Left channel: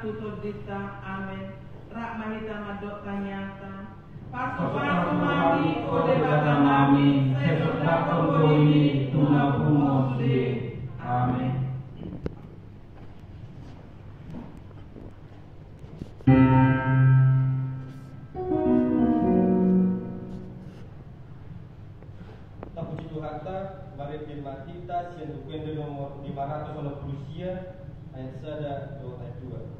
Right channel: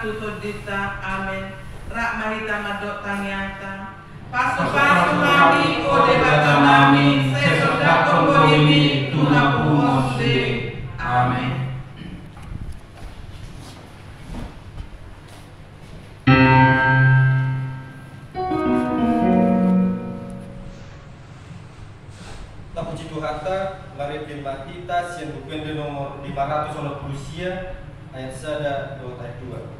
tutut dita, amin. Rak mahita madok tanyata. Pasu-pasu mami kode bata mami, sesoda kombo ini tuna pumosde, amin. Puji Tuhan, mari firman kita yang buku nomor 500 Rusia ayat 1 ayat 2.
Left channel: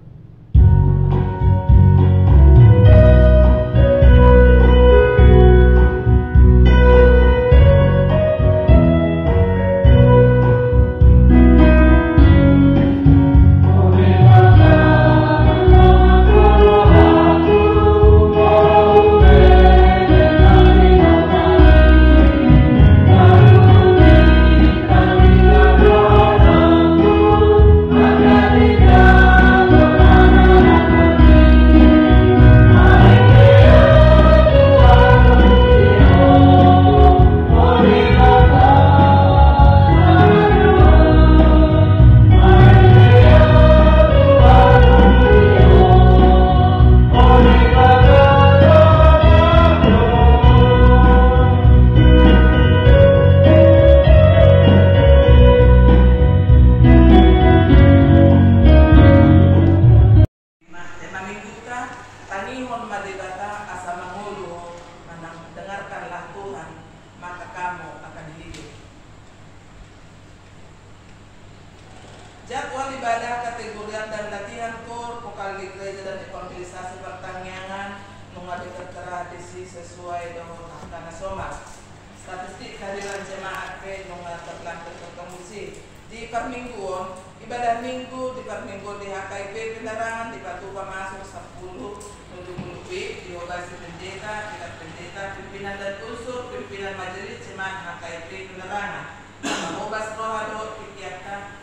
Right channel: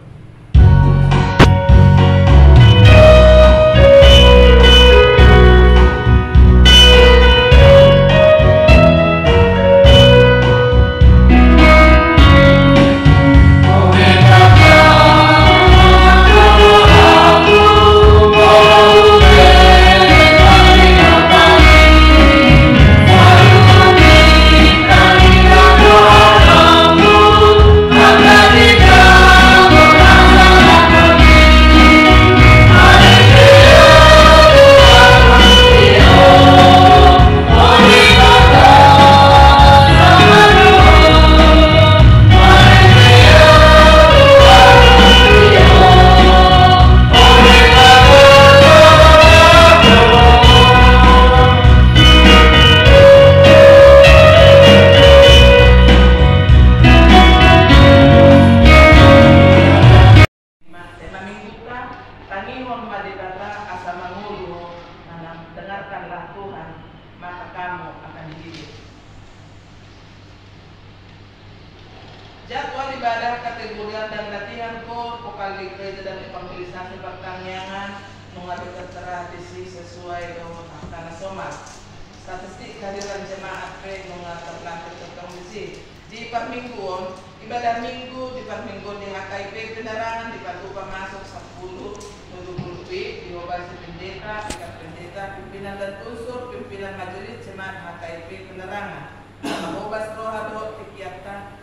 Jadwal ibadah, kategorian dan latihan kor, vokal di gereja dan evangelisasi pertanian mengambil tradisi sesuai dengan Tanah Somas. Statistik kehadiran jemaat ke mengat terlantar terkondisi di permingguan ibadah minggu di permingguan di HKIP penerangan di Patuba masuk 10 menuju diobasi pendeta, pihak pendeta, pimpinan dan unsur pimpinan majelis jemaat HKIP penerangan mengubah rohado kegiatan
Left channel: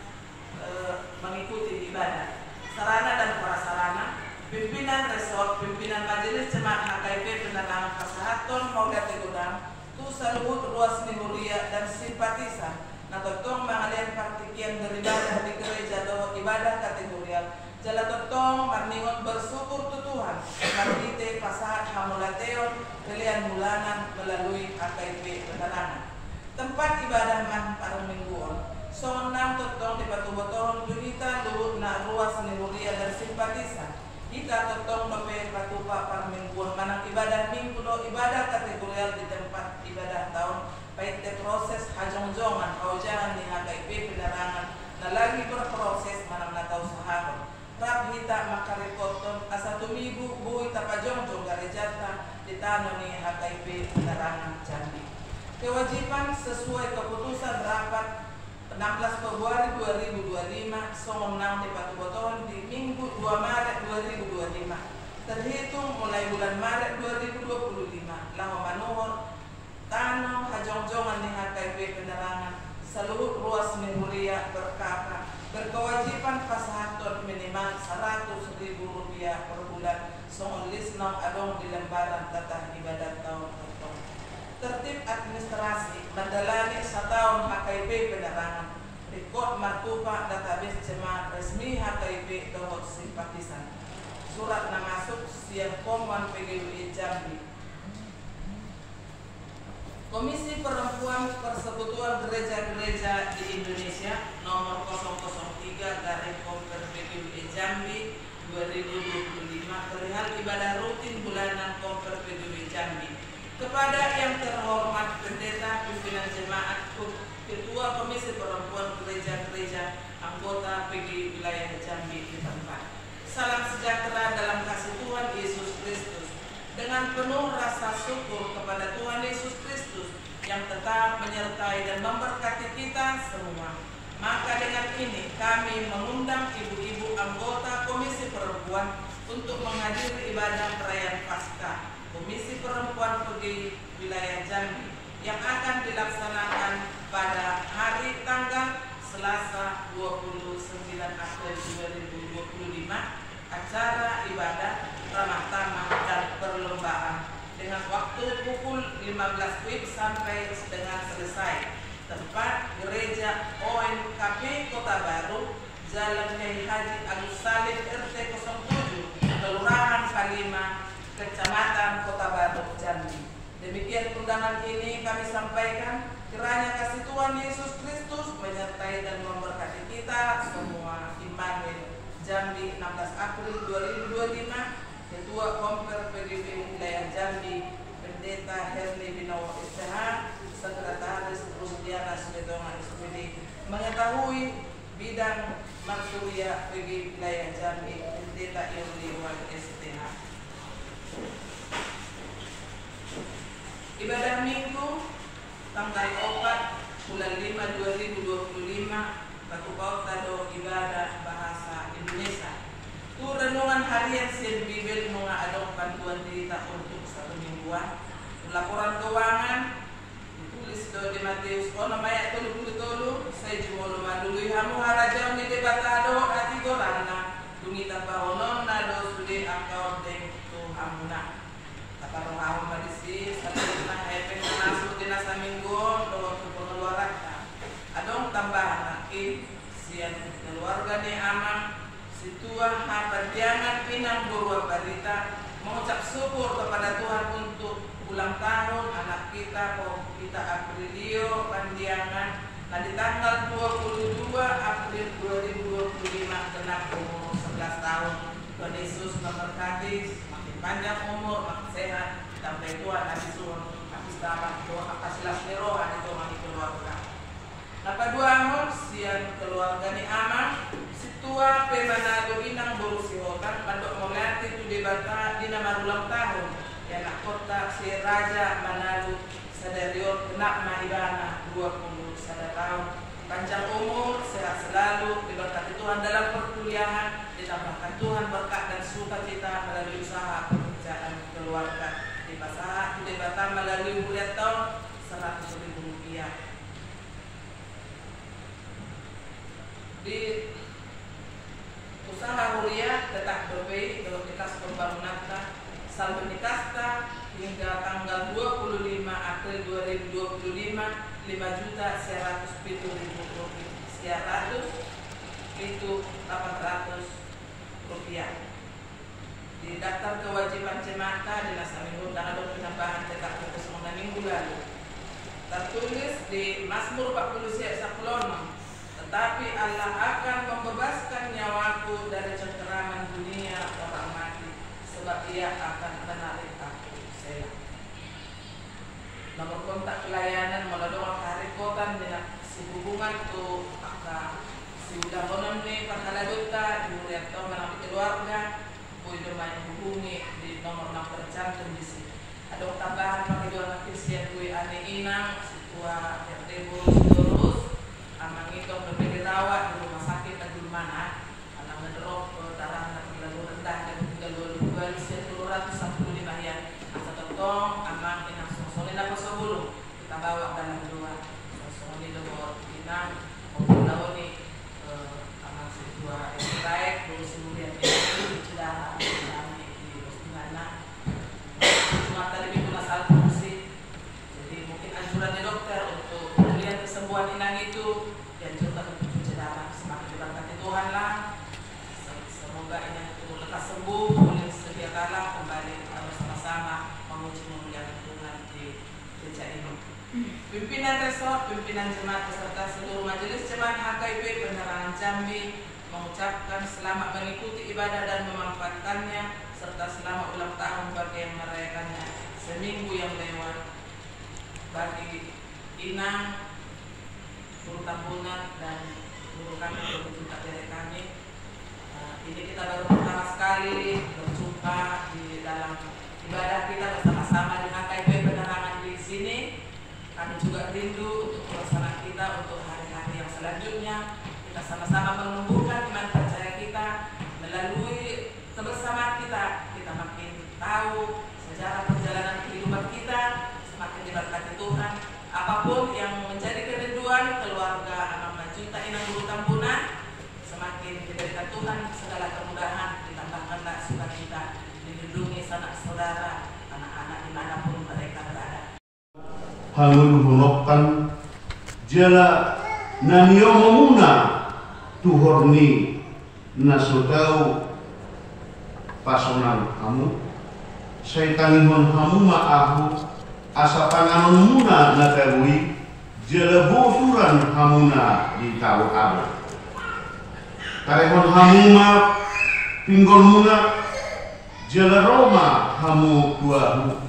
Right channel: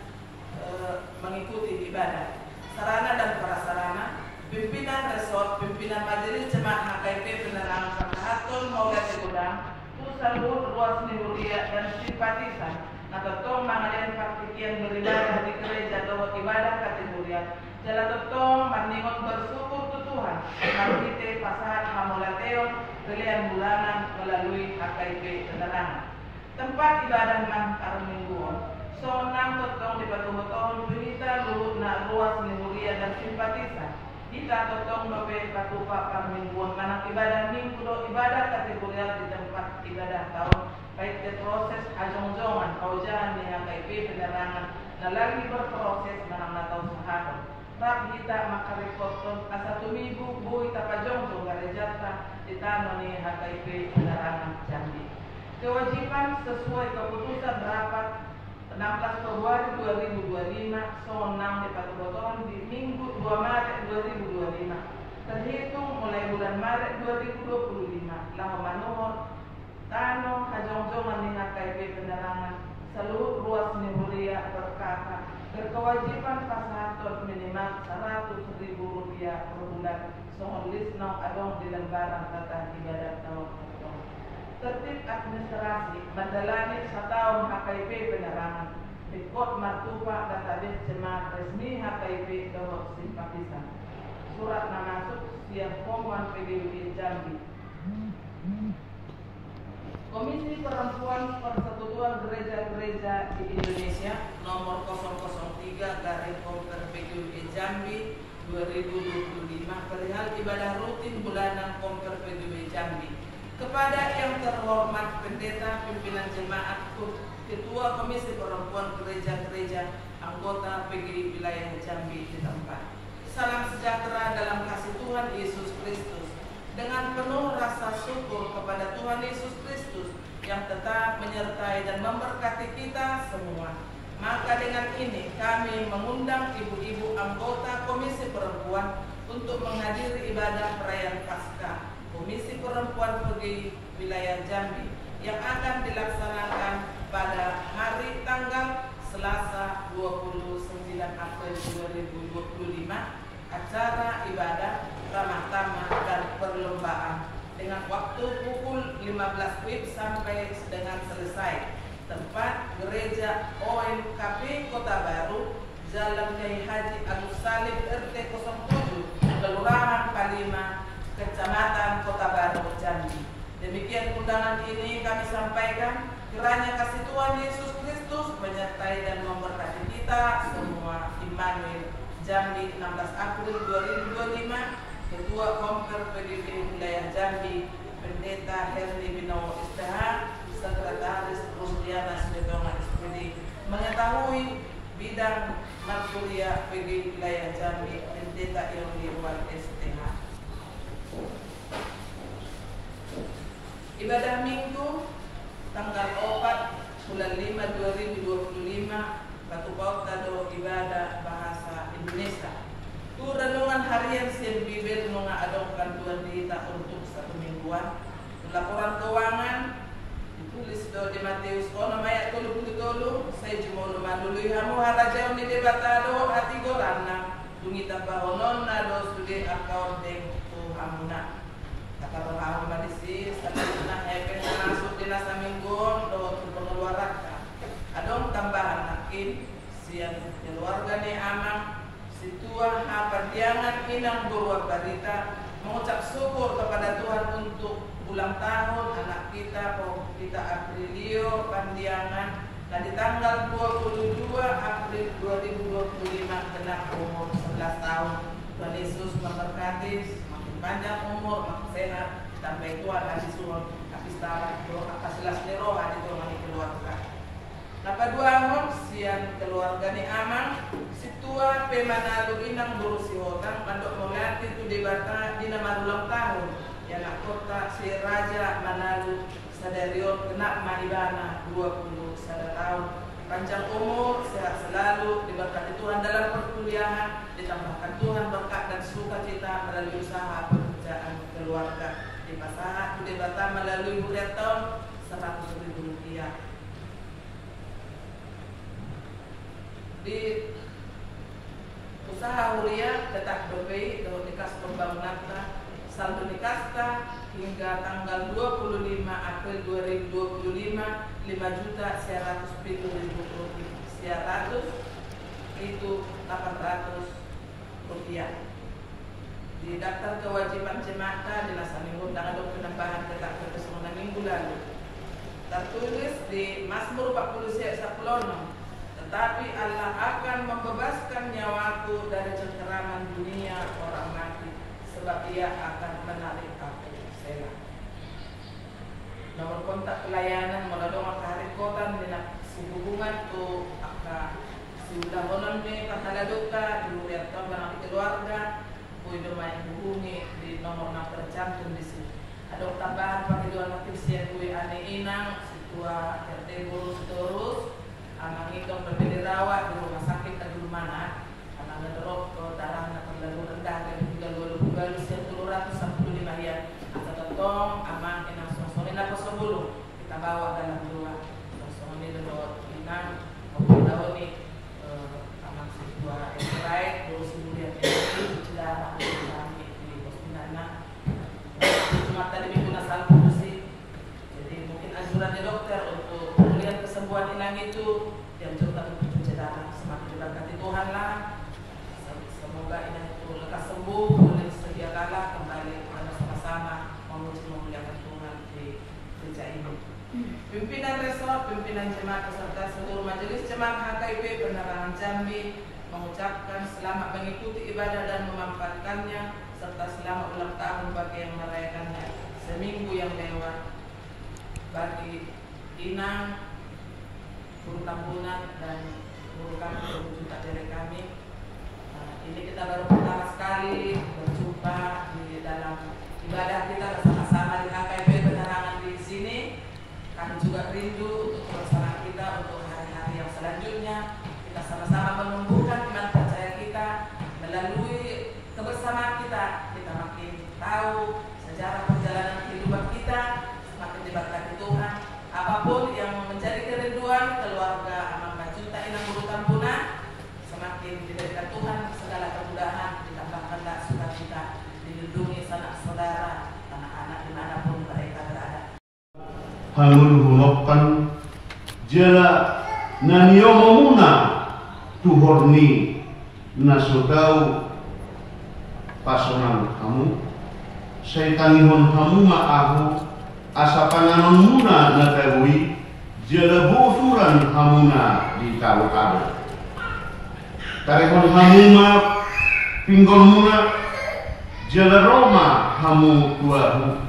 mengikuti ibadah sarana dan prasarana pimpinan resort pimpinan majelis jemaat HKIP penerangan pasahaton moga tegudang tu saluhut ruas nimulia dan simpatisan nah totong mangalian partikian beribadah di gereja doa ibadah kategorial jala totong maningon bersyukur tu Tuhan marite pasahat hamulateo pilihan bulanan melalui HKIP penerangan tempat ibadah man para mingguan sonam totong di batu botong kita luhut na ruas nimulia dan simpatisan kita totong nope patupa par mingguan manang ibadah minggu do ibadah kategorial di tempat ibadah tahun baik de proses hajong-jongan kaujangan di HKIP penerangan na lagi berproses manang natau sahabat rap kita makarikoton asa tumibu bui tapajong-jong garejata di tanah ni HKIP penerangan Jambi kewajiban sesuai keputusan rapat 16 Februari 2025 sonang di Patu Botoron di Minggu 2 Maret 2025 terhitung mulai bulan Maret 2025 lahu manuhor tanong hajong-jongan di HKIP penerangan seluruh ruas nimulia berkata berkewajiban pasahaton minimal Rp100.000 per bulan songon lisnong adong di lembaran tata ibadat tahun tertib administrasi mendalani setahun HKIP penerangan rekod martupa database jemaat resmi HKIP dohot simpatisan surat nama masuk siap Komwan PGWI Jambi Komisi Perempuan Persekutuan Gereja-Gereja di Indonesia nomor 003/Komper PGWI Jambi 2025 perihal ibadah rutin bulanan Komper PGWI Jambi kepada yang terhormat pendeta pimpinan jemaat ketua komisi perempuan gereja-gereja anggota PGI wilayah Jambi di tempat salam sejahtera dalam kasih Tuhan Yesus Kristus dengan penuh rasa syukur kepada Tuhan Yesus Kristus yang tetap menyertai dan memberkati kita semua maka dengan ini kami mengundang ibu-ibu anggota komisi perempuan untuk menghadiri ibadah perayaan Paskah Komisi Perempuan PGI Wilayah Jambi yang akan dilaksanakan pada hari tanggal Selasa 29 April 2025 acara ibadah ramah tamah dan perlombaan dengan waktu pukul 15 WIB sampai dengan selesai tempat Gereja OMKP Kota Baru Jalan Kiai Haji Agus Salim RT 07, Kelurahan Palima, Kecamatan Kota Baru, Jambi. Demikian undangan ini kami sampaikan. Kiranya kasih Tuhan Yesus Kristus menyertai dan memberkati kita semua. Immanuel, Jambi, 16 April 2025. Ketua Komper PDB Wilayah Jambi, Pendeta Herni Binowo STH, Sekretaris Rusdiana Sudetonga SPD. Mengetahui bidang Markulia PG Wilayah Jambi, Pendeta Yogi Iwan STH. Ibadah Minggu tanggal 4 bulan 5 2025, Batu Kota do Ibadah Bahasa Indonesia. Tu renungan harian Sen Bibel nunga adong bantuan dita untuk 1 mingguan. Laporan keuangan ditulis do di Matius ono maya 30 saya jumono madului hamu haraja ni debatado ati gorana dungita bahonon nado sude account deng tu hamuna. Kalau aku madisi satina hepen masuk dinas minggu do pengeluaran. Adong tambahan lagi sian keluarga ni amang situa panjangan inang burwa barita mengucap syukur kepada Tuhan untuk ulang tahun anak kita kita Aprilio Pandiangan. Nah di tanggal 22 April 2025 genap umur 11 tahun. Tuhan Yesus memberkati, makin panjang umur, makin sehat, sampai Tuhan habis suruh, habis dapat doa, kasihlah selero, ada Tuhan di keluarga. Napa dua hon, sian keluarga ni amang, situa pemanado inang buru si orang, mandok mengati tu debata di nama ulang tahun, ya nak kota si Raja Manado Sadarion kenak maibana 21 tahun. Panjang umur, sehat selalu, diberkati Tuhan dalam perkuliahan, ditambahkan Tuhan berkat dan sukacita melalui usaha pekerjaan keluarga. Di pasangan debata melalui bulan tahun 100.000 rupiah. Di usaha huria tetap berbeda kalau dikas pembangunan saldo nikasta hingga tanggal 25 April 2025 5.100.000 rupiah itu 800 rupiah. Di daftar kewajiban jemaah Dinas Minggu tanggal penambahan cetak kertas minggu lalu tertulis di Mazmur 40 ayat 10, tetapi Allah akan membebaskan nyawaku dari cengkeraman dunia orang mati, sebab Ia akan menarik aku. Selah. Nomor kontak pelayanan melalui hari kota dengan si hubungan tu aka si udah konon ni kata duta di uriat kau menang keluarga boleh main hubungi di nomor 6 tercantum di sini. Ada tambahan bagi dua makin siap kue aneh inang si tua RT terus amang itu lebih dirawat di rumah sakit di mana anak ngedrop darah nak terlalu rendah dan 32 siap 215 ya atau tong amang inang sore nak sebelum kita bawa dalam dua sosok ini dua inang maupun ni amang si tua baik terus kemudian ini sudah kami di Postinana cuma tadi minggu nasal fungsi. Jadi mungkin anjuran dari dokter untuk melihat kesembuhan inang itu dianjurkan untuk cuci darah. Semakin diberkati Tuhan lah. Semoga inang itu lekas sembuh, boleh sedia kala kembali sama-sama memuji memuliakan Tuhan di gereja ini. Pimpinan resort, pimpinan jemaat beserta seluruh majelis jemaat HKIP Penerangan Jambi mengucapkan selamat mengikuti ibadah dan memanfaatkannya serta selamat ulang tahun bagi yang merayakannya seminggu yang lewat. Bagi inang, guru tambunan dan guru kami berjumpa dari kami. Ini kita baru pertama sekali berjumpa di dalam ibadah kita bersama-sama di HKIP Penerangan di sini. Kami juga rindu untuk bersama kita untuk hari-hari yang selanjutnya. Kita sama-sama menumbuhkan iman percaya kita melalui kebersamaan kita. Kita makin tahu sejarah perjalanan kehidupan kita, semakin diberkati Tuhan. Apapun yang menjadi kerinduan keluarga Amang Majuta Inang Guru Tambunan, semakin diberikan Tuhan segala kemudahan, ditambahkanlah sukacita, dilindungi sanak saudara, anak-anak dimanapun mereka berada. Halun hulokkan jela nanio mamuna tuhorni nasodau pasonan kamu saya tangihon kamu ma'ahu asa panganon muna natagui jelebo suran hamuna di tahu ado tarehon hamuma pinggol muna jeleroma hamu kuahu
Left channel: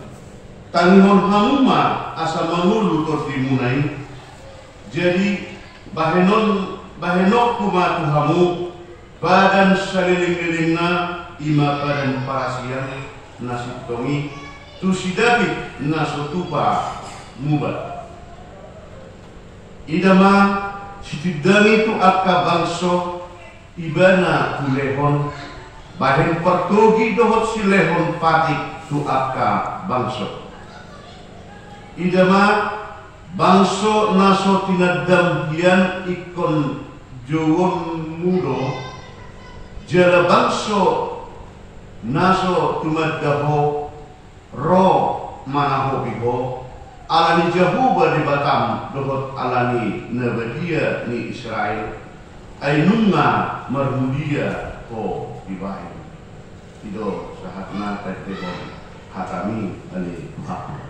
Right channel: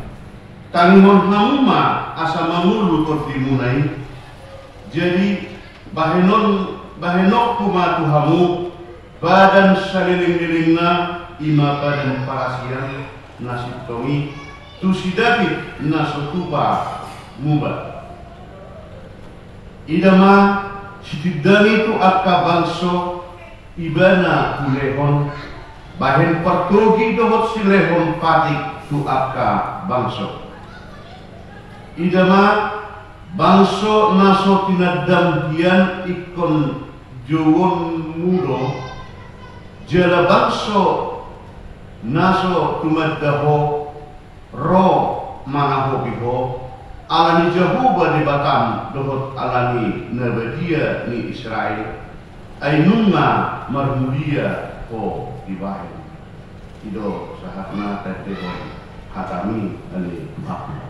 tangihon hamuma asa mamulu korti munai jadi bahenok kumatu hamu badan saliling-lilingna ima badan parasian nasib tomi tusidabit nasutupa mubat idama sitidani tu akka bangso ibana kulehon bahen pertogi dohot silehon patik tu akka bangso idama bangso naso tinadam hian ikon jowon mudo jala bangso naso tumaddaho ro manaho biho alani jahuba di Batam dohot alani nabadia ni Israel ainunga marmudia ko dibahin tido sahatna tetehon hatami ali hakna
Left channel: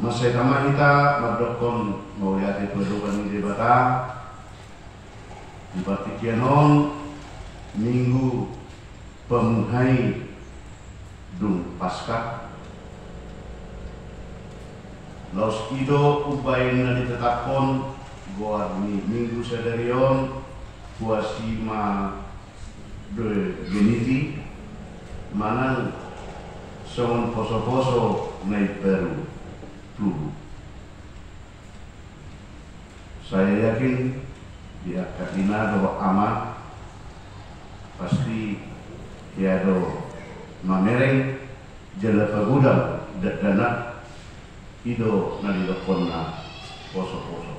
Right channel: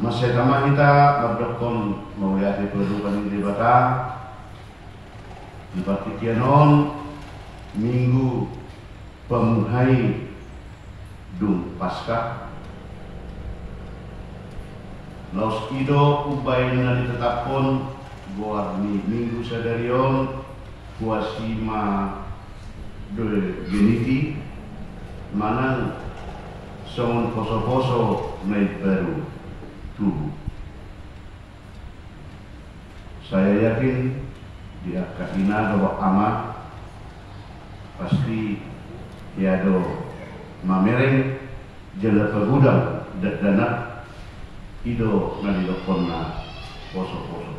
Masih kama kita berdokon mau lihat itu di Batam di Batikianon minggu pemuhai dung pasca laus ido ubaina ditetapkan buat minggu sadarion kuasima de geniti mana somon poso-poso naik baru tubuh. Saya yakin dia kadina do amat pasti dia do mamereng jela pagudang dana ido nalilokonna poso-poso.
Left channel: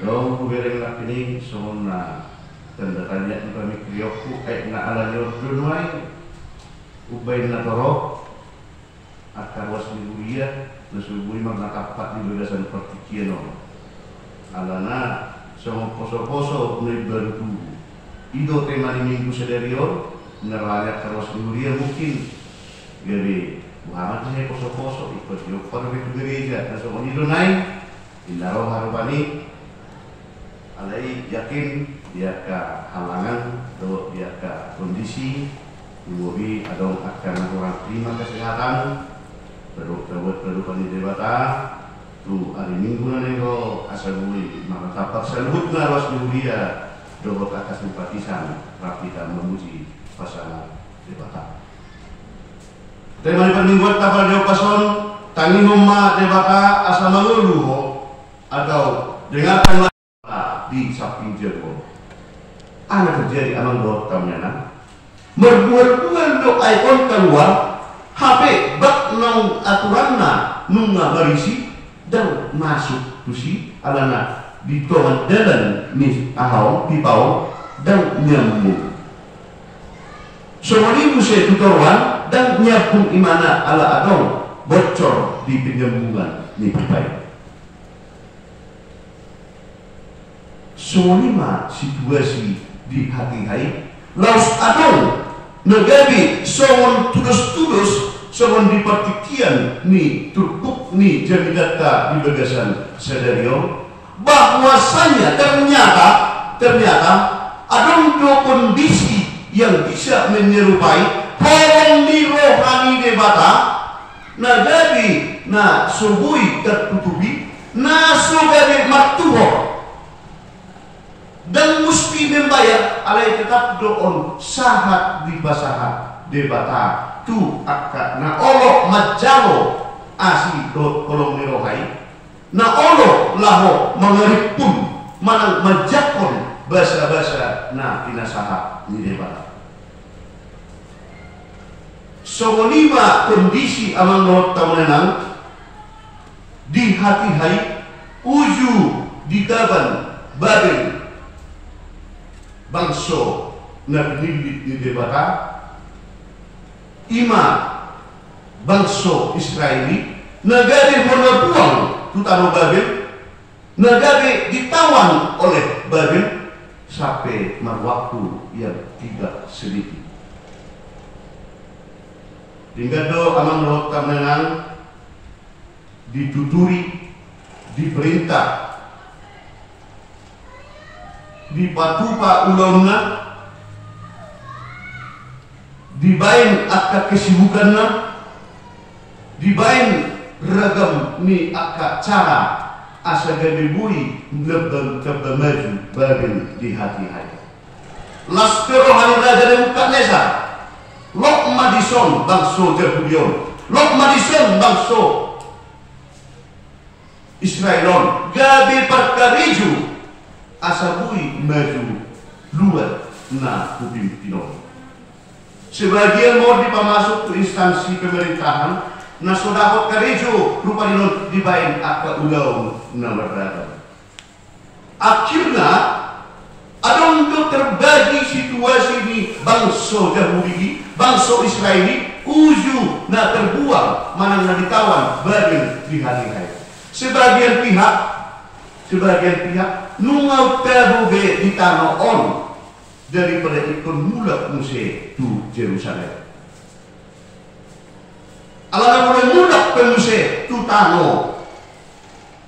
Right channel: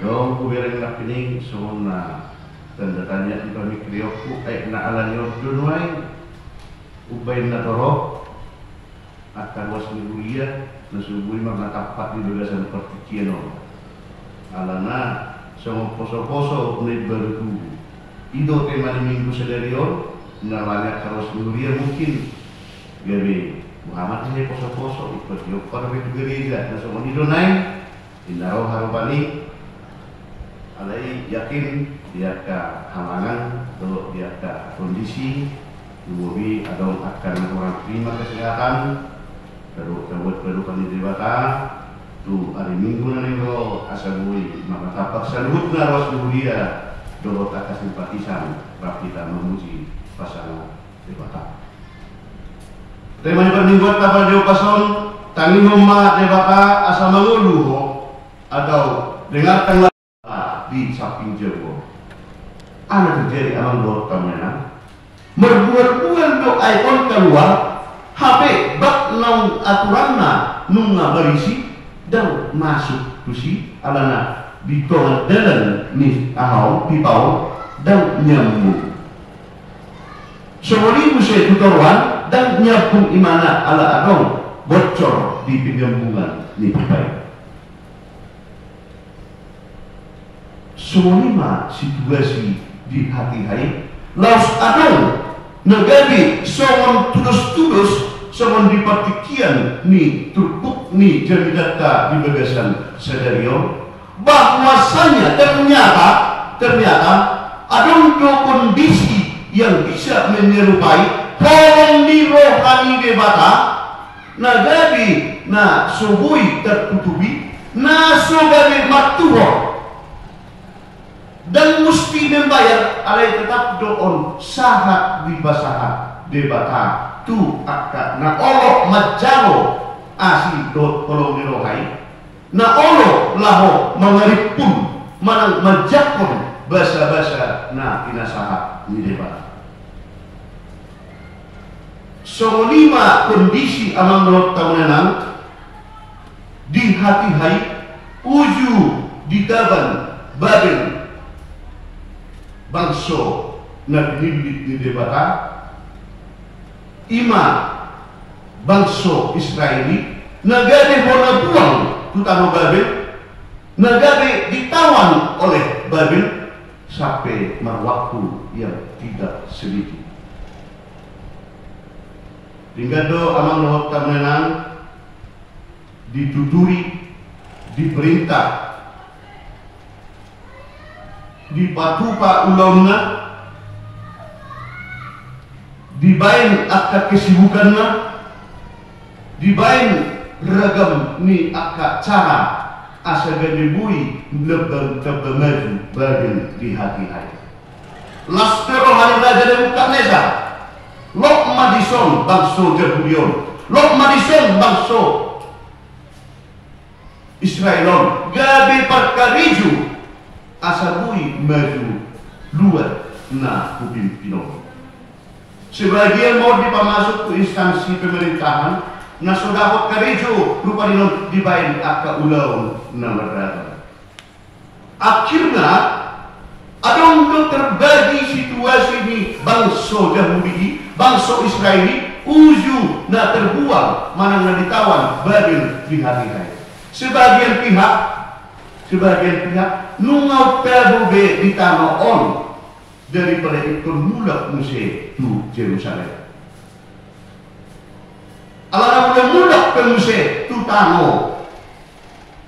Dong kubereng lakini semua tanda tanya di kami kriokku na alanyo dunway ubay na torok at karwas ni Uriya nasubuhi magnatapat di bagasan partikiano alana semua poso-poso na baru tubuh ido tema ni minggu sadarion nalanya karwas ni Uriya mungkin gabi Muhammad ini poso-poso ikut yopar begitu gereja na semua ido naik indaro harupani alai yakin dia ke halangan atau dia ke kondisi ibu atau akan orang terima kesehatan terus kehidupan di dewata tu hari minggu nanti lo asal bui maka tapak salut naros dia dohot atas simpatisan kita memuji pasangan dewata. Terima kasih minggu tapal jauh pason tangi homa dewata asal menguluh atau dengarkan di samping jauh. Anak terjadi alam buat tamenan berbual-bual do ikon keluar HP bak nong aturanna nunga barisi dan masuk tusi alana di tohan dalan ni ahau pipau dan nyambung semua ibu saya tutoruan dan nyambung imana ala adong bocor di penyambungan ni pipai semua situasi di hati hai laus adong negabi songon tulus-tulus songon dipatikian ni turkuk ni jadi data di bagasan sadario bahwasanya ternyata adong do kondisi yang bisa menyerupai holong ni rohani debata nagabi na subui tertutupi na sogabi matuho dan mesti membayar alai tetap doon sahat di basahat debata tu akka na olo majalo asli do tolong nirohai na olo laho mangaripun manang majakon basa-basa na pinasahat ni debata. So 5 kondisi amang menurut tahunan di hati hai uju di taban Babel bangso na pinilit ni debata 5 bangso Israeli nagade warna buang tutano Babel nagade ditawan oleh Babel sampai waktu yang tidak sedikit. Dingado amang menurut tahunan dituturi diperintah dipatupa ulangna dibain akka kesibukanna dibain ragam ni akka cara asa gadibui lebam maju bagen di hati hai lastero hanada jadi muka nesa lok madison bangso Jehudion lok madison bangso Israelon gabi perkariju asabui maju luar na kupimpinon. Sebagian mau dipamasuk ke instansi pemerintahan na sodahot karejo rupa dinon dibain akka ulau na merdeka. Akhirnya ada untuk terbagi situasi di bangsa Yahudi, bangsa Israeli uju na terbuang mana na ditawan Babel di hati-hati. Sebagian pihak nungau terbuge di tanah on daripada ikut mulak Muse tu Jerusalem. Alana mulai mulak ke Muse tu tanah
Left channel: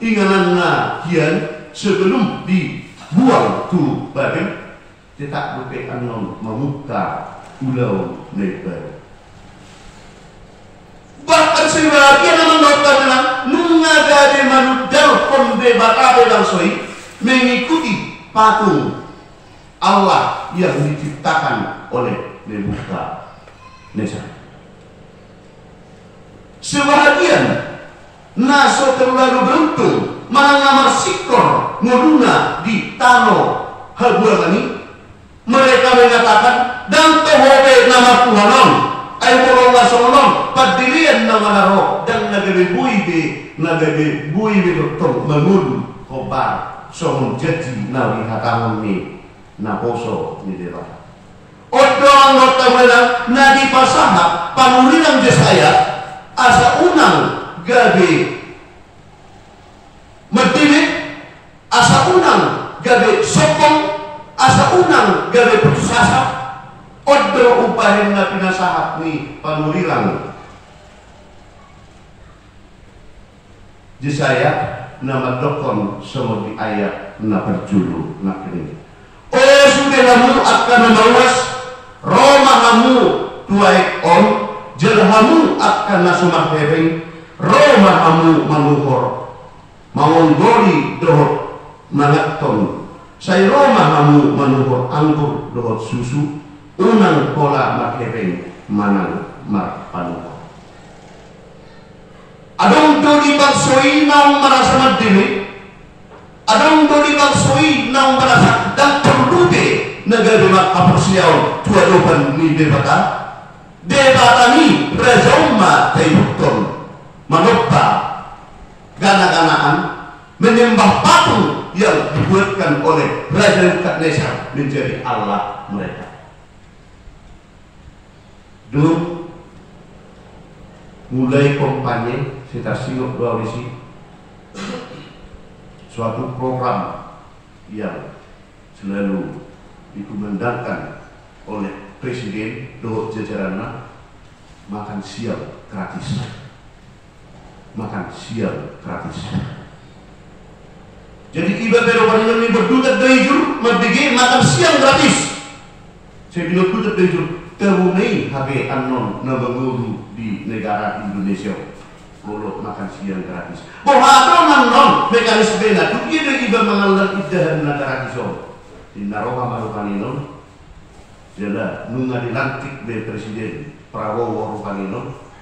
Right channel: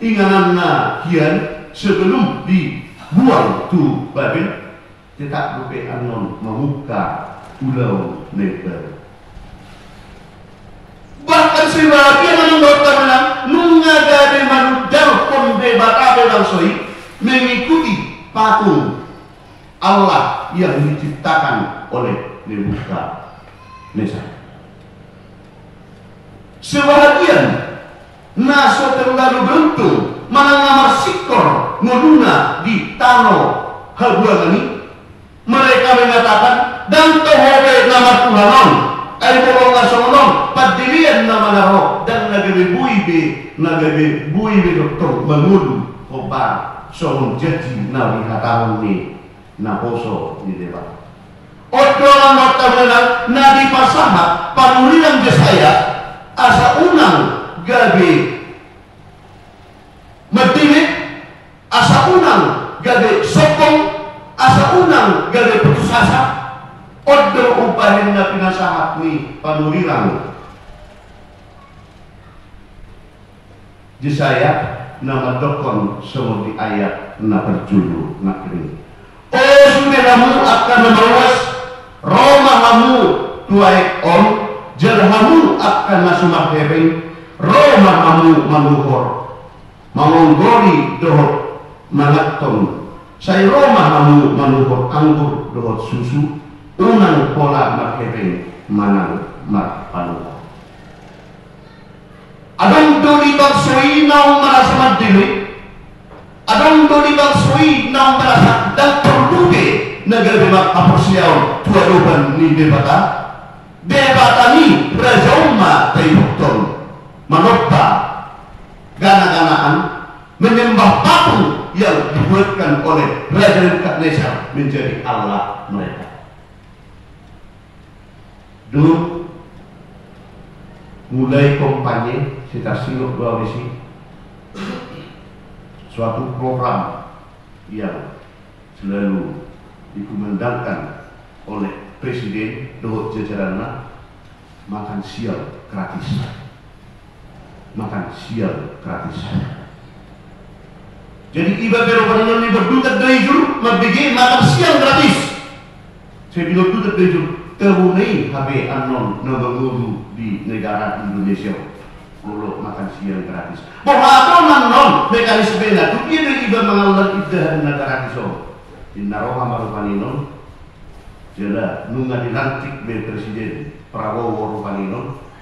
ingananna hian sebelum dibuang tu Babel tetap rupe anon membuka ulau lebar. Bahkan sebagian orang dokter nungagade manudal konde bakabe langsoi mengikuti patung Allah yang diciptakan oleh Nebukadnezar. Sebahagian naso terlalu beruntung menangamar sikor nguluna di tanah habuangani mereka mengatakan dan tohobe nama Tuhanon ay bolonga sonon padilian nama naro dan nagabe buibe doktor mengulu kobar sonon jadi nawi hatawan ni na poso ni dewa odong notamena na di pasahat panulilang Jesaya asa unang gabe medimit asa unang gabe sokong asa unang gabe putusasa odro upahin na pinasahat ni panulilang Jesaya na madokon semua di ayat na berjulu na kini oh sudah kamu akan memawas Roma kamu tuaik on jelhamu akan nasumah hebeng Roma kamu manuhor mangonggoli dohot mangaton say Roma kamu manuhor anggur dohot susu unang pola maghebeng manang marpanuha adong doli bangsoi naong merasa madili adong doli bangsoi naong merasa dan perlude negara makapusiaw tuadoban ni debata ni Raja Umma Tayukton manopta gana-ganaan menyembah patung yang dibuatkan oleh Raja Nebukadnezar menjadi Allah mereka. Dulu mulai kampanye kita siok dua visi suatu program yang selalu dikumandangkan oleh Presiden dohot jajaranna makan siang gratis. Makan siang gratis. Jadi iba pero paningan ni berdutat dari jur merdegi makan siang gratis. Saya bilang dutat dari jur terunai HP anon nabangulu di negara Indonesia. Mulu makan siang gratis. Bohato nanon mekanisme na tu dia iba mengalan idah negara iso. Di naroha marupanino. Jela nunga dilantik dari Presiden Prabowo Rupanino,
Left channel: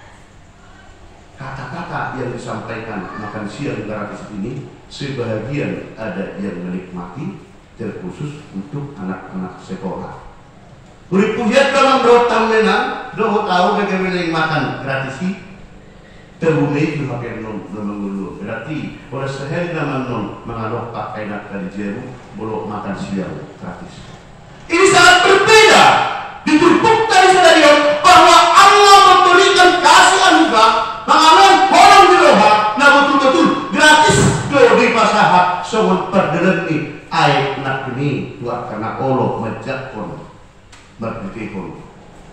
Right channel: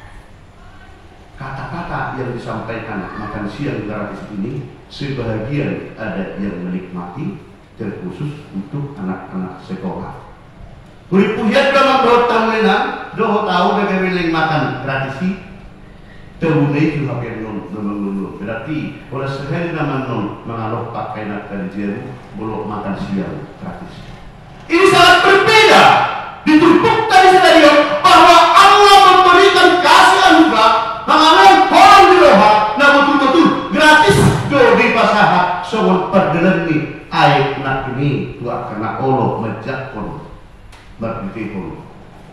kata-kata yang disampaikan makan siang gratis ini sebahagian ada yang menikmati, terkhusus untuk anak-anak sekolah. Kuripuhiat dalam rotan lena, doh tahu bagaimana makan gratis terunai juga non mengulu. Berarti oleh sehari nama non mengalok pakai nak dari jeru, bolok makan siang gratis. Ini sangat berbeda. Ditumpuk dari stadion bahwa Allah memberikan kasih anugerah mengalir orang di roha, nah betul-betul gratis do di pasahat soal perdeleni air nak ini dua karena Allah menjakon berpikir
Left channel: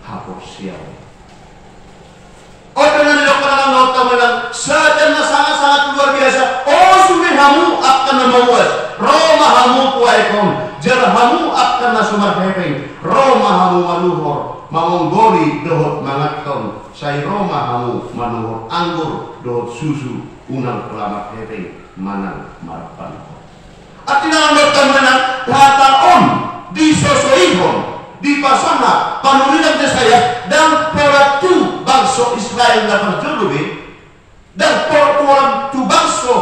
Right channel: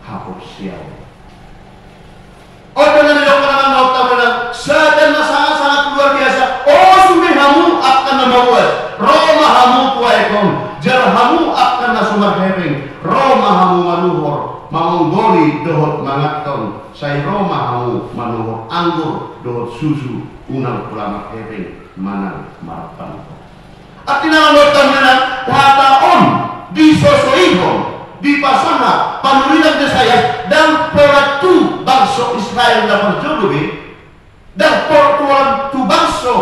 hapus sial. Oh dengan dokteran dokter bilang sedang sangat-sangat luar biasa. Oh sudah kamu akan membuat Roma kamu kuaikon. Jarhamu akan nasumar hepeng, Roma hamu manuhor, manggoli dohot mangaton, say Roma hamu manuhor anggur dohot susu unang kelamat hepeng manang marapan. Artinya nomor temenan wataon disosoihon di pasangan panulinan saya dan poratu bangsa Israel dapat jodohi dan portuan tu bangsa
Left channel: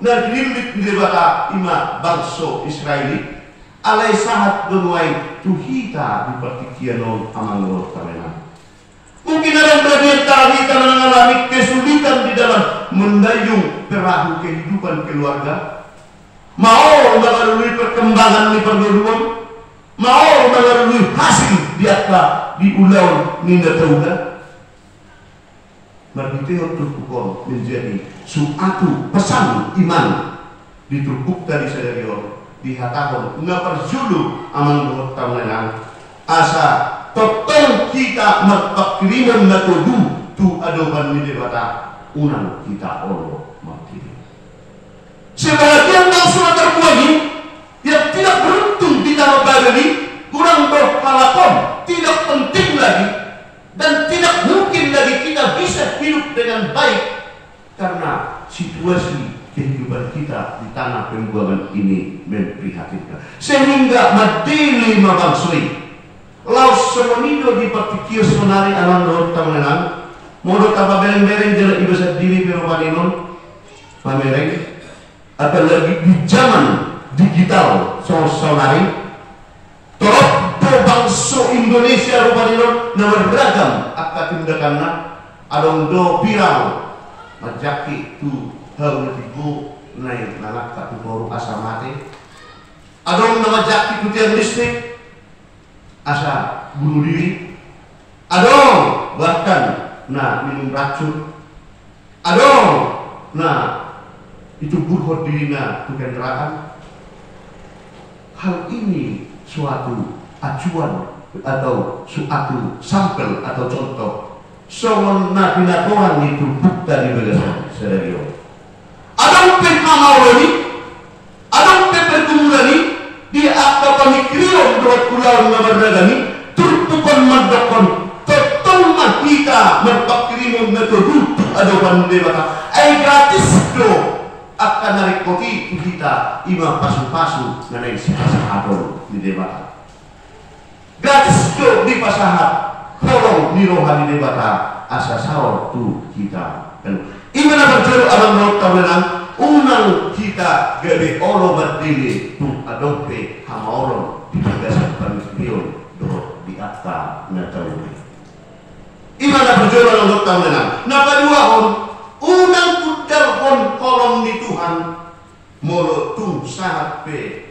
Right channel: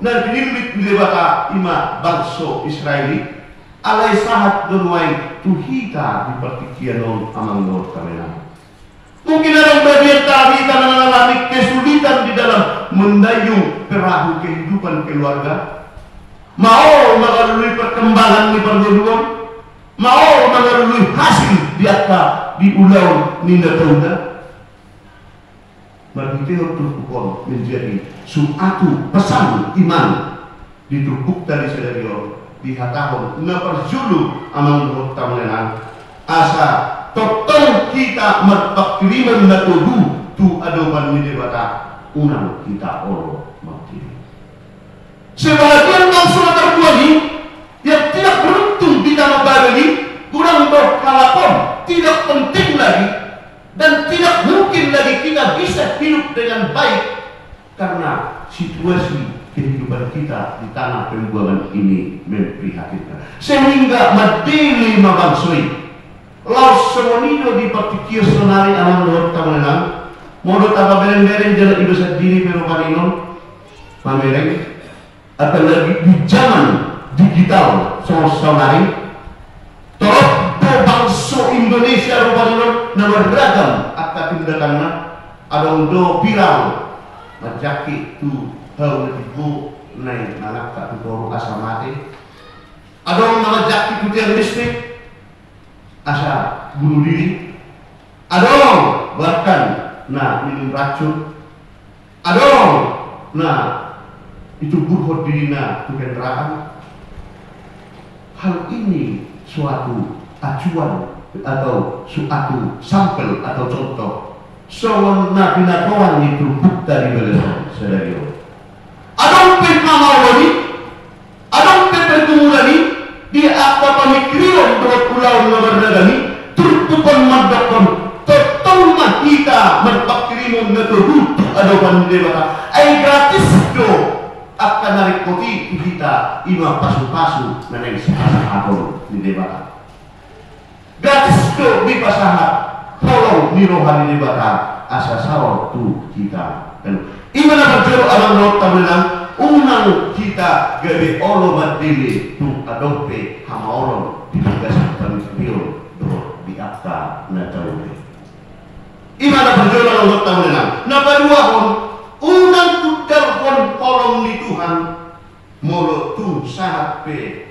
dan dilimit di bata ima bangsa Israeli. Alai sahat donuai tuhita di pertikianon amang Lord kamena. Mungkin ada bagian tadi karena mengalami kesulitan di dalam mendayung perahu kehidupan keluarga. Mau mengalami perkembangan di perguruan, mau mengalami hasil di atas di ulau ninda tauna. Berbiteo turpukon menjadi suatu pesan iman ditumpuk dari sedarion. Dihatakan ngaperjulu amang dohot tamlenan asa totong kita mertakriman na tudu tu adopan ni dewata unang kita olo mautini. Sebagian bangsa terkuali yang tidak beruntung di tanah Bali kurang berhalakon tidak penting lagi dan tidak mungkin lagi kita bisa hidup dengan baik karena situasi kehidupan kita di tanah pembuangan ini memprihatinkan sehingga madili mabangsoi laus semonido di partikir sonari alam dohot tamanan modot apa bereng-bereng jalan ibu sadini pero paninon mamereng apalagi di zaman digital sonari torok do bangsa Indonesia rupaninon nama beragam akan tindakannya adong do viral majaki tu hal tibu naik nanak tak turun asa mati. Adong nama jaki kutian listrik asa bunuh diri. Adong bahkan minum racun. Adong itu burhot dirina tukang neraka. Hal ini suatu acuan atau suatu sampel atau contoh soal binatoran itu bukta di belasan sadario. Adang pekamaroni, adang pepertumulani di akta pemikiran dohot pulau nabardagani turpukan madakon totong mahita merpakirimun natudu adopan dewata ay gratis do akan narikoti kita ima pasu-pasu nanay sahapon di dewata gratis do di pasahat tolong nirohan di dewata asa sawar tu kita dan imana berjuru abang Lord tabenan unang kita gabi olo badili tu adope hamaolon di tugas pemikiran do di akta natalui. Imana berjuru abang Lord tabenan nakadua hon unang tudal hon kolom di Tuhan molo tu sahat pe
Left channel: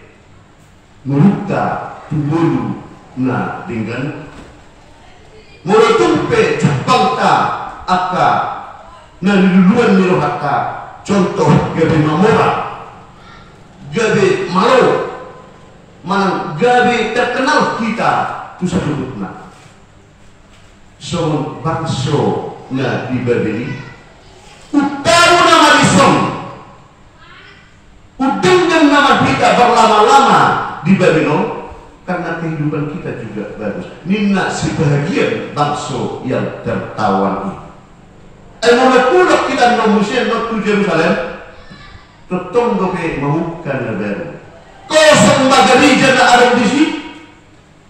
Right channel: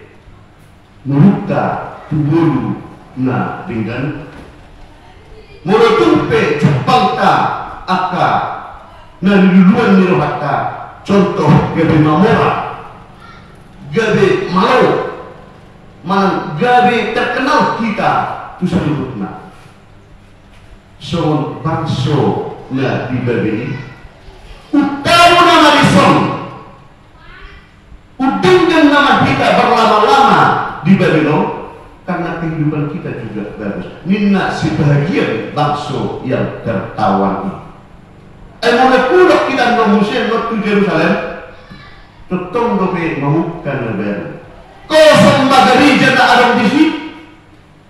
mulukta tu mulu na dengan molo tu pe Jepang ta aka na niluluan ni rohata contoh gabi mamora gabi malo manang gawe terkenal kita tu sadudutna. So bangso na dibabili utaru nama lison udengkan nama kita berlama-lama di Babylon karena kehidupan kita juga bagus. Nina sebahagian bangso yang tertawan ini. Emang kulak kita manusia waktu Jerusalem tetong dope mahukan lebaran. Kosong bagari jana ada di sini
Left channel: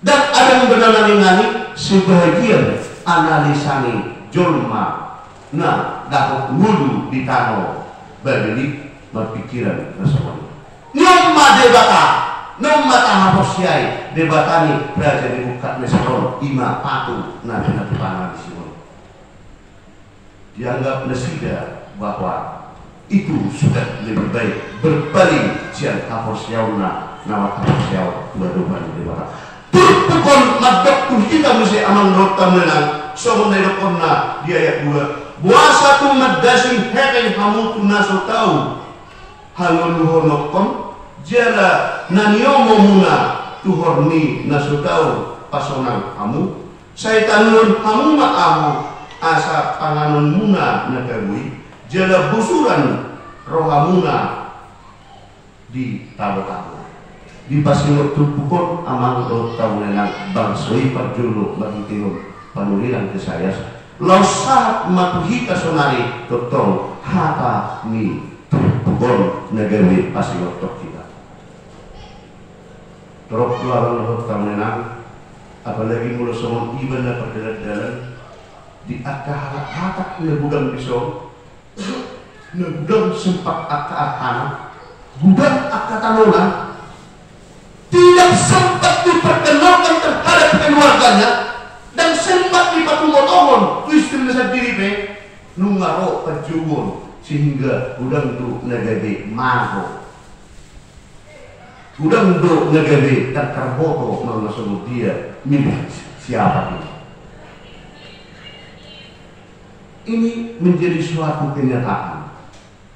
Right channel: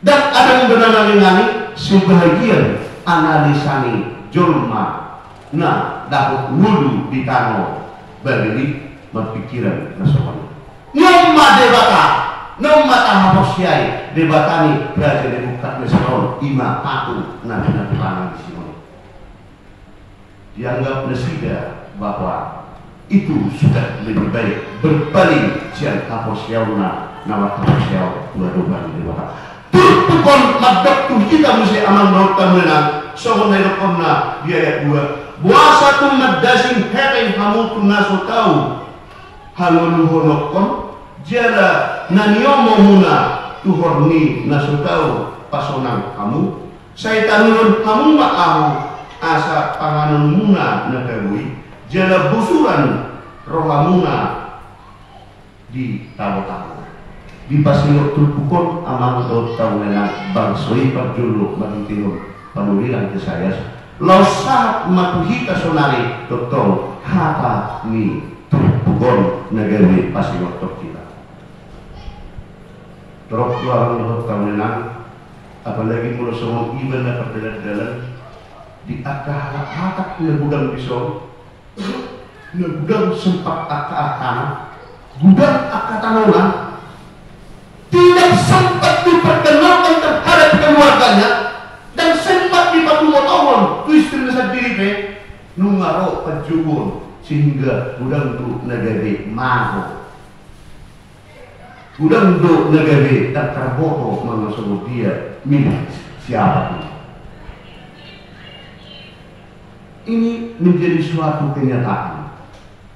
dan ada yang bernanani sebahagian analisani jolma nah dapat wulu di tano bagi berpikiran nasional. Nyoma debata, nyoma tahaposiai debatani raja debukat nesron ima patu nabi pangan sini. Dianggap nesida bahwa itu sudah lebih baik berpaling siang kaposiauna nama kaposiau baru-baru debata. Turtukon madok tu kita mesti amang dokter menang sohon nerokonna di ayat 2 buasa tu madasing hereng kamu tu naso tahu haluluhonokon jala naniomo muna tu horni naso tahu pasonang kamu saitanun kamu ma'amu asa panganon muna nakabui jala busuran rohamuna di tahu-tahu di pasingot tulpukon amang tahu nena bangsoi parjulu marintingon panuliran ke saya lausa matuhita sonari totol hata ni tulpukon negeri pasingot kita terok luarang tahu nena apalagi mulut somong iban na perdalan-dalan di akah hatak negudang pisau negudang sempat akah-akana gudang akah-tanonan tidak sempat diperkenalkan terhadap keluarganya dan sempat dipatumotohon tu istrinya sendiri nungaro pejuwon sehingga gudang tu nagade maho gudang tu nagade tak terboto mengasal dia milik siapa ini menjadi suatu kenyataan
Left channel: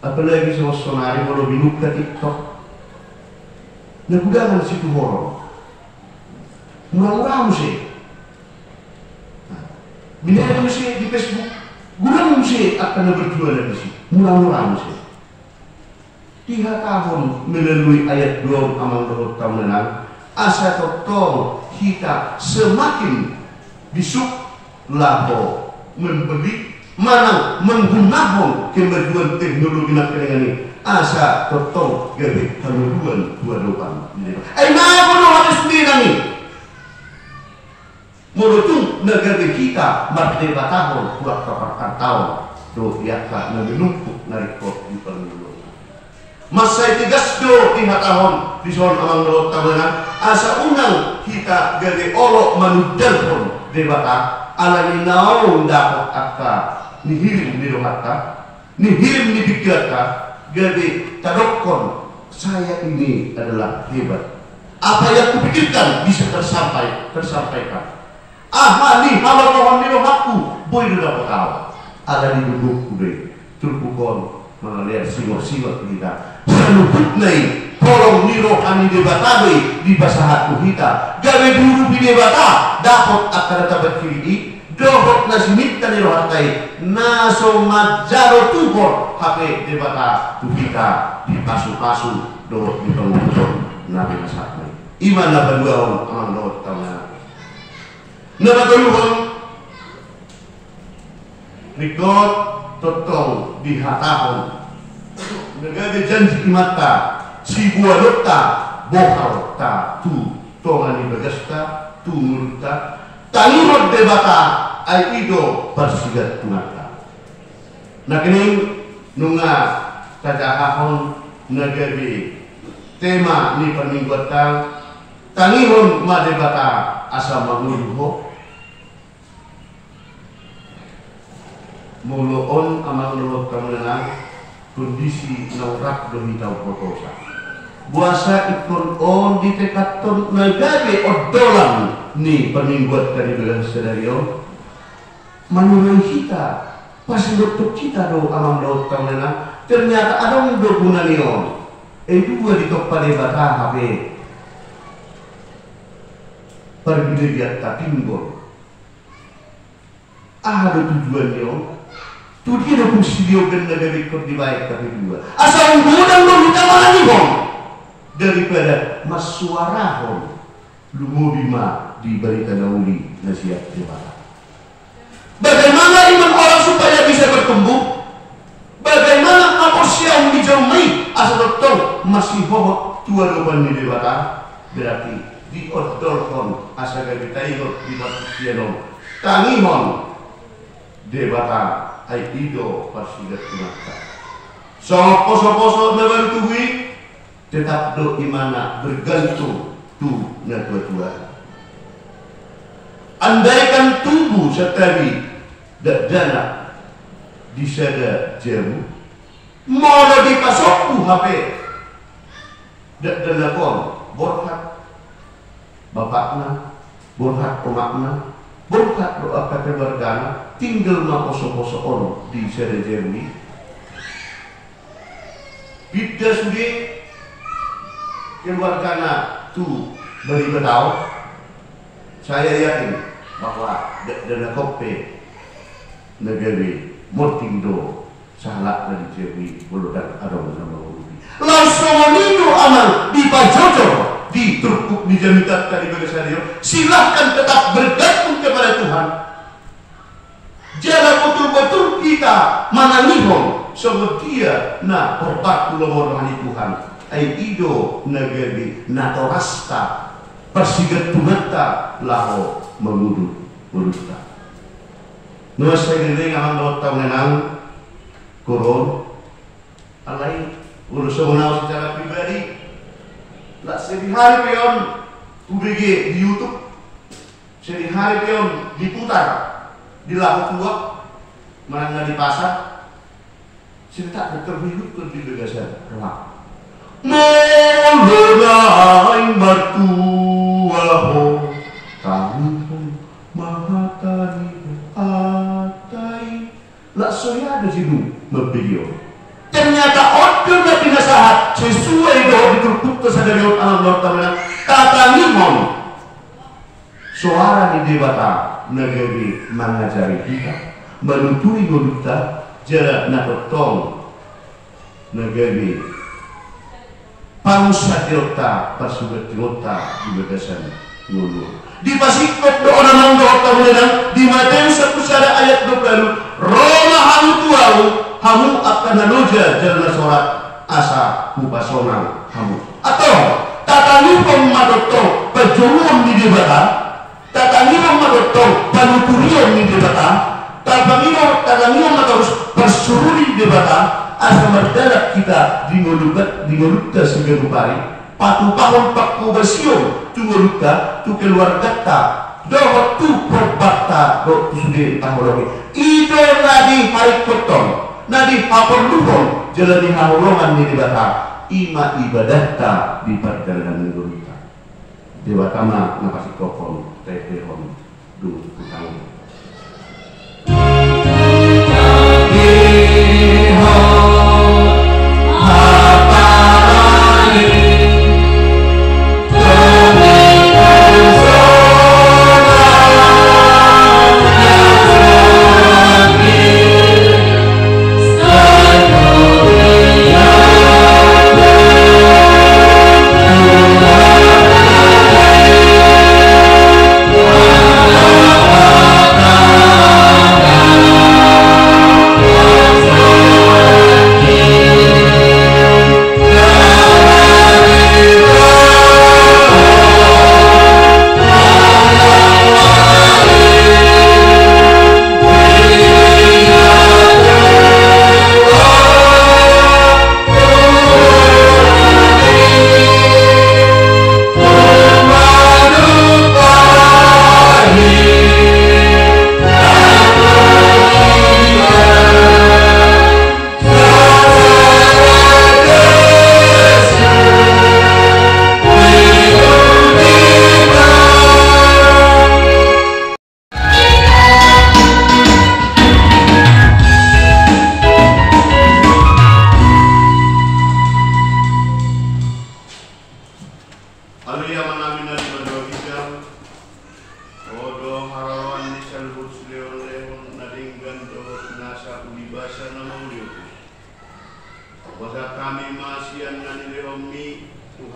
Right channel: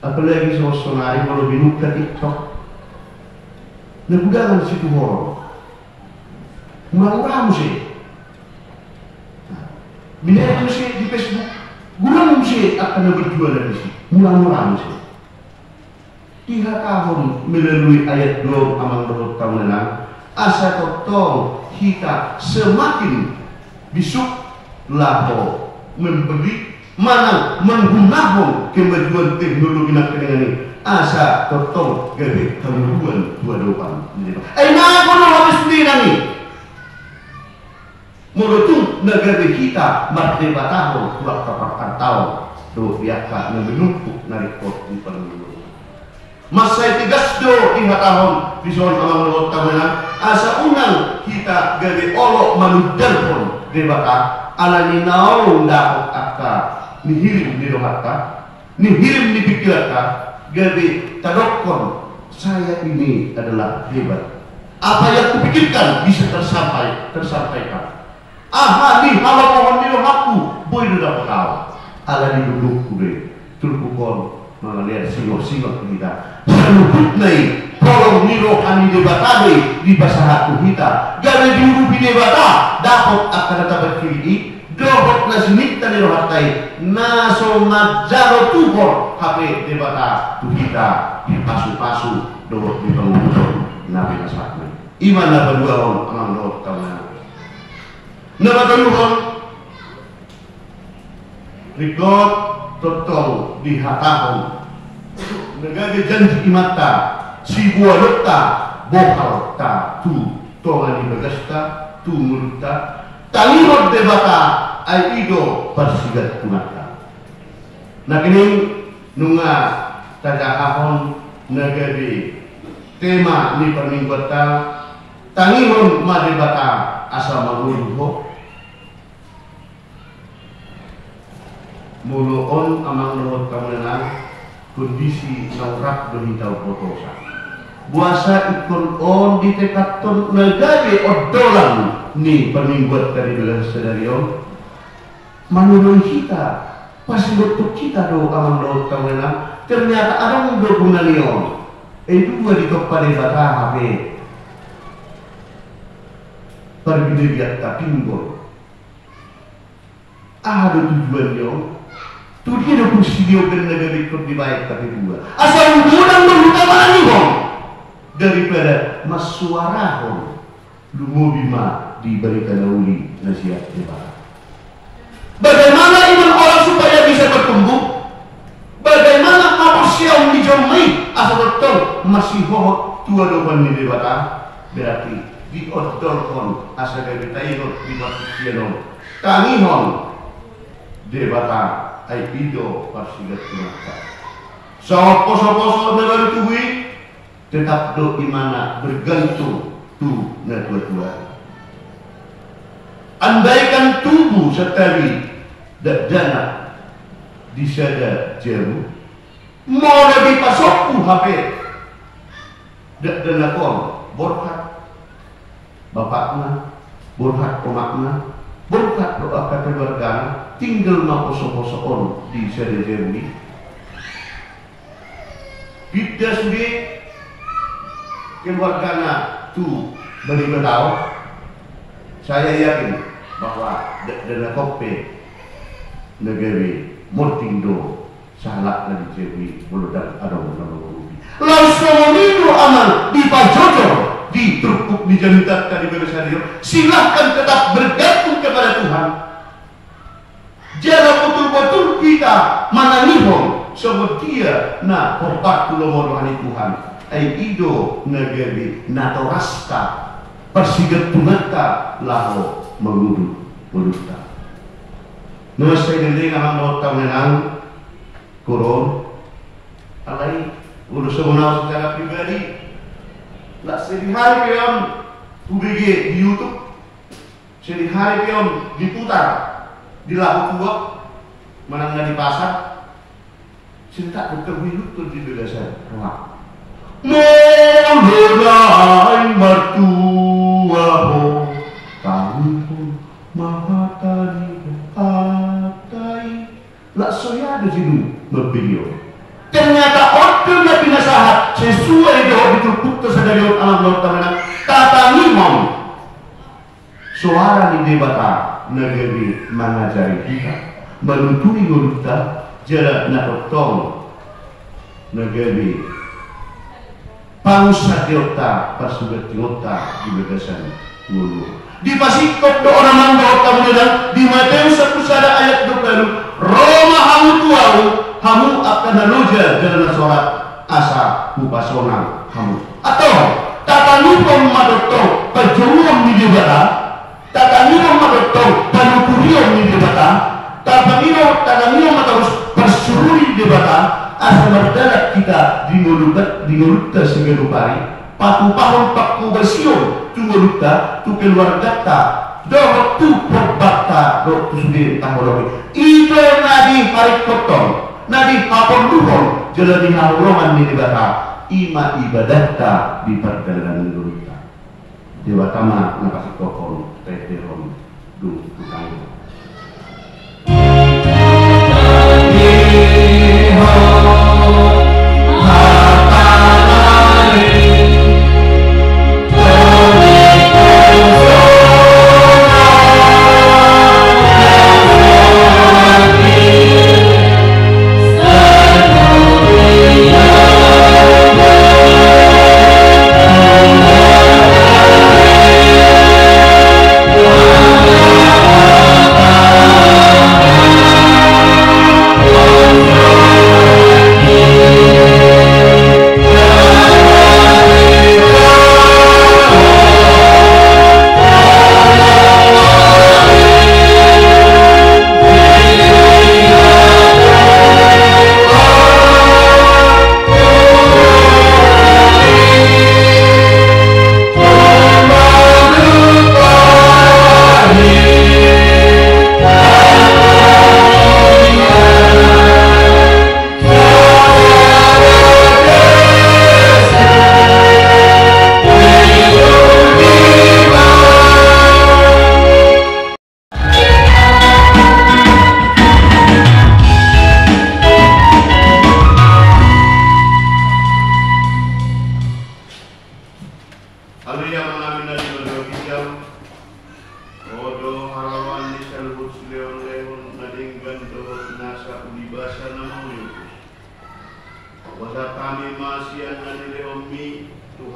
apalagi sonari mau binuka TikTok nagudangan situ horor murah-murah mesti binari mesti di Facebook gudang mesti akan berjual dari sini murah-murah mesti 3 tahun melalui ayat 2 amang dohot tahunan asa totong kita semakin bisuk laho membeli mana menggunakan kemajuan teknologi dengan ini asa totong gabe kemuduan dua dopan. Nah, kalau habis sendiri nih, menurut negara kita merdeka tahun dua keperkan tahun tuh biasa menumpuk narikot di pemilu. Masa tigas do 5 tahun di soal amang lo tahunan asa unang kita gabe olok manudal pun debata ala ni naolong dapat akka nihirim di rohaka nihirim di pikiranka gabe tadokon saya ini adalah hebat. Apa yang kupikirkan bisa tersampaikan. Nih kalau kawan di aku boy udah tahu. Ala di duduk kude tulpukon melihat singo-singo kita. Seluput nai tolong niro kami debatabe di bahasa hatu kita. Gabe dulu di debata dapat akan dapat kiri dohot nasimit tani rohatai naso majaro tuhor HP debata kita di pasu-pasu dohot di pengumpul nabi nasakna imana banduahon amang dohot tahunan nama dohon rikot totong di hatahon negara janji imata si buah dokta bokal ta tu tongani bagasta tu murta tangirot debata ay ido persigat kumata. Nah kini nunga tajahahon negeri tema ni permingguan tangihon madebata asa maguluho muluon amang lorot kamunang kondisi naurak dohitau potosa buasa ikon on di tekaton negari odolan ni permingguan dari belah sedarion menurut kita pasti bentuk kita do amang laut tahunan ternyata ada yang berguna nion dua di top pada batah HP pergi timbul. Ada tujuannya. Tu dia dah fungsi dia dan negara ikut dibaik tapi dua. Asal undang utama ni bang. Daripada masuara bang. Lumo bima diberikan uli nasihat dewasa. Bagaimana iman orang supaya bisa bertumbuh? Bagaimana manusia yang dijamai asal betul masih hohot tua doban di dewata? Berarti diodolkan asal kita ikut di manusia nom. Tangihon dewata ay ido parsigat kumata. Sopo-sopo negara tuwi tetap do imana bergantung tu na tua-tua. Andaikan tubuh setawi dak dana disada jamu mau lebih pasokku HP dak dana kon borhat bapakna borhat pemakna borhat doa keluarga tinggal ma poso-poso on di sada jamu bidda sude keluarga tu beri tahu. Saya yakin bahwa dana kopi negeri mortindo salah dari jewi buludan ada nama rubi. Langsung itu amal di pajojo di terpuk di jamitat tadi bagaimana silahkan tetap bergantung kepada Tuhan. Jangan betul-betul kita mananihong semetia na korbat tulung rohani Tuhan. Ai ido negeri natorasta persigat tunata laho mengudut uluta. Nuas saya nilai ngaman dawat tahun nenang koron alai ulu semunau secara pribadi lah sedihari peon ubg di YouTube sedihari peon diputar di lahu tua mana di pasar cinta determinut tuh di begasan ruang mulai mertuaho tahun mahatari atai lah saya ada sini berbvideo ternyata order yang binasahat sesuai dengan ditutup tersadari alam Lord Ta'ala kata ngomong suara di debata negeri mengajari kita menuntuni kita jarak nakotong negeri Pangsa diota pasugat diota di bagasan ngulu. Di pasikot do orang mangga kemudian di Matius 1 ayat 20 Roma hamu tuau hamu akan nanuja jalan sorat asa upasonang hamu. Atau tatanipong madotong pajulong ni dibata tatanipong madotong panupuriong ni dibata tatanipong matarus persururi dibata asal berdarat kita di ngolutta sebagai pari patu pahon pakku bersiun tu ngolutta tu keluarga ta doh tu perbakta doh tu sudah tahun itu nadi hari potong nadi apor luhong jalani haurongan ni dibata ima ibadah ta di perjalanan ngolutta dewa tama napasi kokon teteron du kutang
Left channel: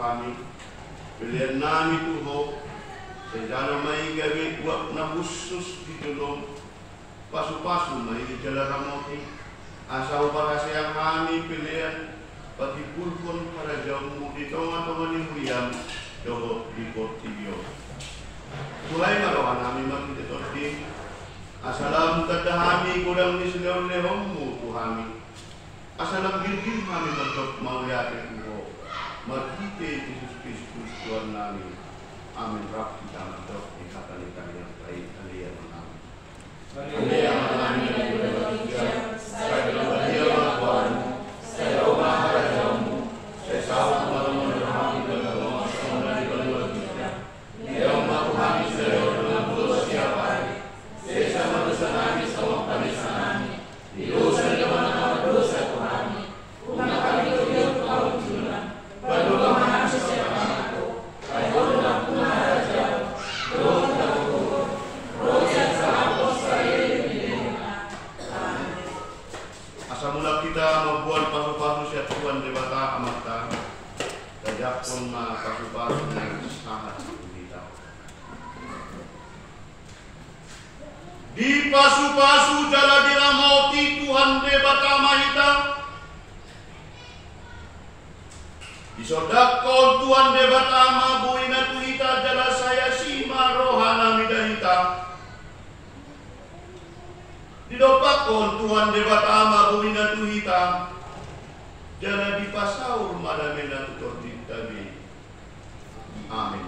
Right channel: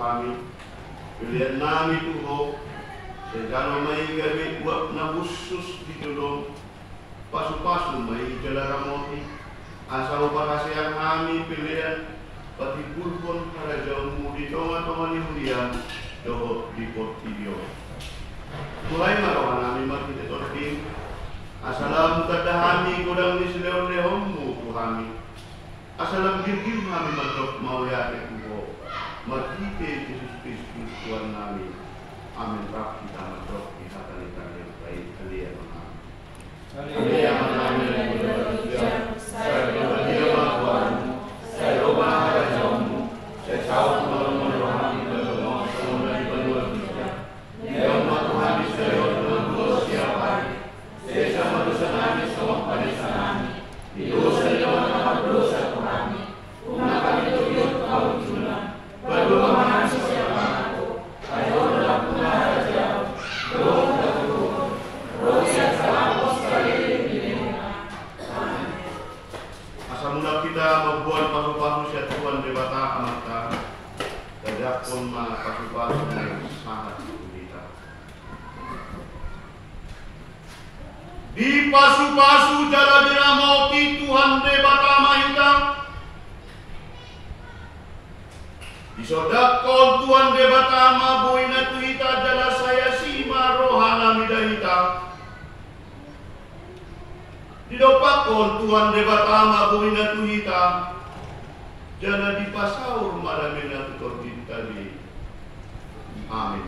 kami. Pilihan nami Tuhan, segala may gabi buat na khusus di tulong, pasu-pasu may jala kamoti, asal para sayang kami pilihan, pati pulpon para jauhmu di teman-teman yang diam, doho di portibio. Mulai marawan kami makita torting, asalam kadahami kudang di selewon-lewonmu Tuhami. Asalam gilgil kami matok mau yakin Tuhan, magkite Yesus Kristus Tuhan namin. Amin. Rap kita matok di kata-kata yang baik. Alia mengamin. Alia mengamin. Saya berbahagia Tuhan. Saya doa harapanmu. Saya sahut malam menuhami dalam masa dari bantuan kita. Leo matuhami saya dalam dosa siapa. Saya sama dosa nami sama panisa nami. Di dosa jaman apa dosa Tuhan. Una kami tuyuk kau tujuan. Berdoa maha sesiapa aku. Kaya dalam punara jauh. Doa terkukur. Roh yang salah sekali diberikan. Amin. Asa mula kita membuat pasu-pasu siat Tuhan debata amata. Tajak pun ma pasu-pasu yang sangat kita. Di pasu-pasu jala diramoti Tuhan debata mahita. Di sodakon Tuhan debata mabuina tuhita jala saya sima rohana midahita. Di dopakon Tuhan debata mabuina tuhita jala di pasaur madamena tutor tadi. Amin.